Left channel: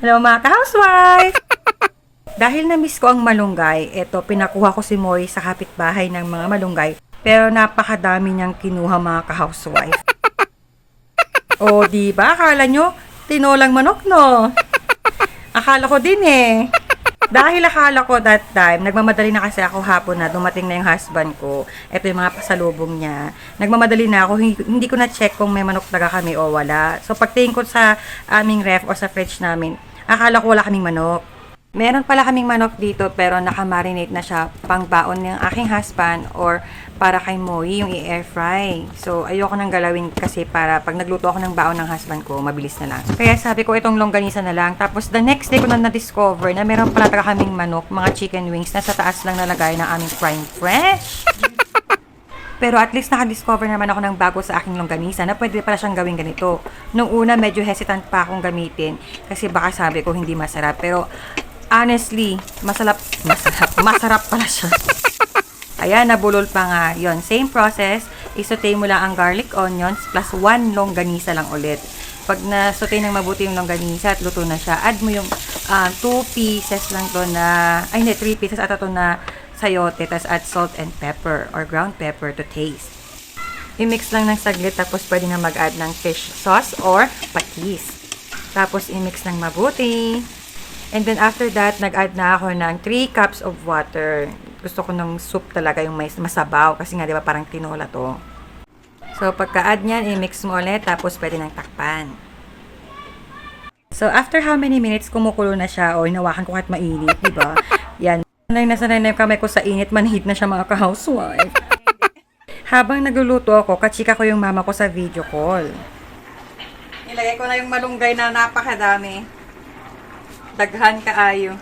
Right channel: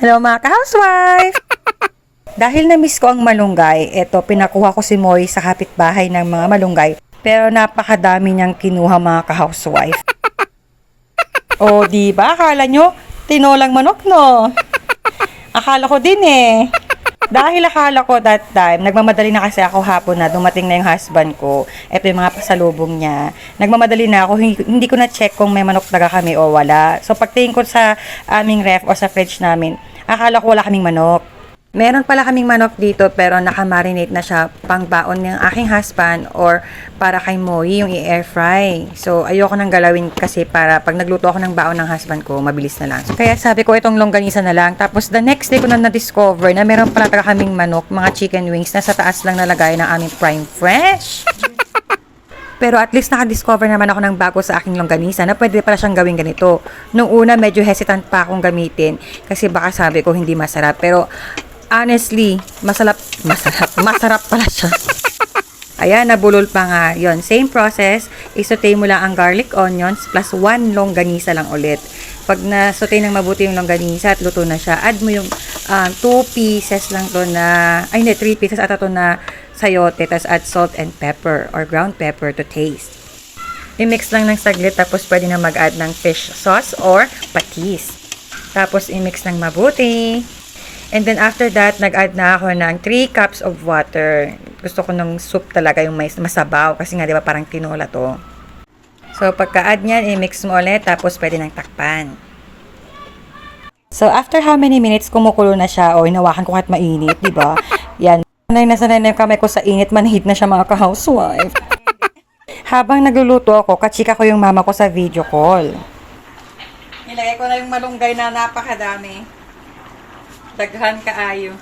Hello mga ka-housewife! Dahil na-miss ko ang malunggay, eto pinakuha ko si Moy sa kapitbahay ng mga malunggay. Pero napakadami niyang kinuha mga ka-housewife. O diba, akala nyo, tinolang manok no? Akala ko din eh. Dahil akala ko that time, nagmamadali na kasi ako hapon na dumating na yung husband ko. Ito yung mga pasalubong niya. Nagmamadali na ako, hindi ko na-check kung may manok talaga kami o wala. So pagtingin ko sa aming ref o sa fridge namin, akala ko wala kaming manok. Meron pala kaming manok dito pero nakamarinate na siya pang baon ng aking husband or para kay Moy yung i-air fry. So ayoko nang galawin kasi para pag nagluto ako ng baon ng husband ko, mabilis na lang. So, kaya sabi ko itong longganisa na lang. Tapos the next day ko na-discover na meron pala talaga kaming manok, mga chicken wings na sa taas lang nalagay ng aming prime fresh. Pero at least nakadiscover naman ako ng bago sa aking longganisa na pwede pala siyang gawin ganito. Nung una medyo hesitant pa akong gamitin kasi baka sabi ko hindi masarap. Pero honestly, masarap pala siya. Ayan, nabulol pa nga. Yon, same process. Isaute mo lang ang garlic onions plus 1 longganisa lang ulit. Pag na-saute ng mabuti yung longganisa at luto na siya, add mo yung 2 pieces lang to na, ay hindi, 3 pieces ata to na sayote, tapos add salt and pepper or ground pepper to taste. I-mix lang ng saglit, tapos pwede na mag-add ng fish sauce or patis. Tapos i-mix ng mabuti. And then after that, nag-add na ako ng 3 cups of water. Gusto ko ng soup talaga, yung may masabaw. Kasi nga, di ba, parang tinola to. So, pagka-add niyan, i-mix mo ulit. Tapos, pwede nang takpan. So, after how many minutes, kumukulo na siya. O, hinawakan ko kahit mainit, di ba? Yan. Sanay na yung kamay ko sa init. Manhid na siya, mga ka-housewife. Habang nagluluto ako, kachika ko yung mama ko sa video call. Nilagay ko na yung malunggay na napakadami. Daghan kaayo.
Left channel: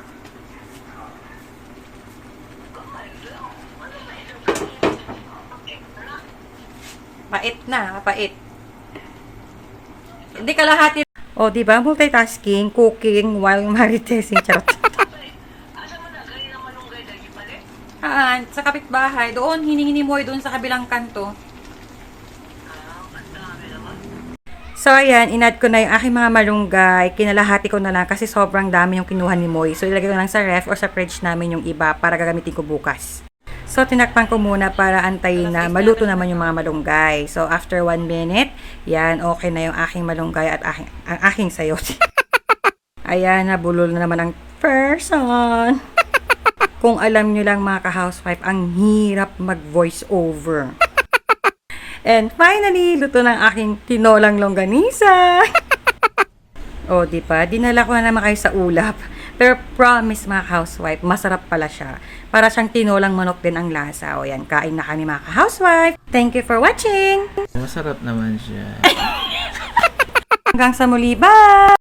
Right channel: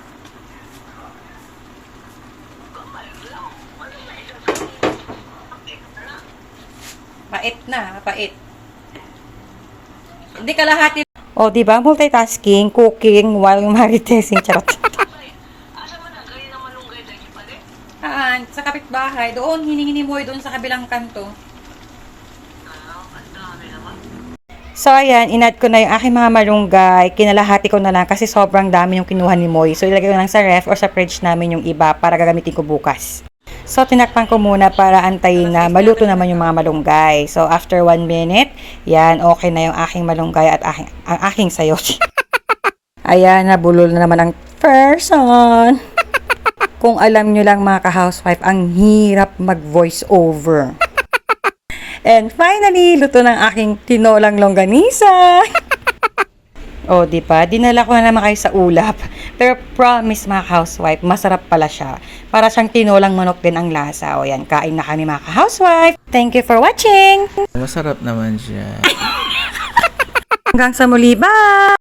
Pait na, pait. Hindi kalahati. O, di ba? Multitasking, cooking, while maritesing, charot. Sa kapitbahay, doon, hiningi mo doon sa kabilang kanto. So, ayan, in-add ko na yung aking mga malunggay. Kinalahati ko na lang kasi sobrang dami yung kinuha ni Moy. So, ilagay ko lang sa ref or sa fridge namin yung iba para gagamitin ko bukas. So, tinakpan ko muna para antayin na maluto naman yung mga malunggay. So, after 1 minute, yan, okay na yung aking malunggay at ang aking sayote. Ayan, nabulol na naman ang person. Kung alam nyo lang mga ka-housewife, ang hirap mag-voice over. And finally, luto ng aking tinolang longganisa. O, di ba? Dinala ko na naman kayo sa ulap. Pero promise mga housewife, masarap pala siya. Para siyang tinolang manok din ang lasa. O yan, kain na kami mga housewife. Thank you for watching. Masarap naman siya. Hanggang sa muli, bye!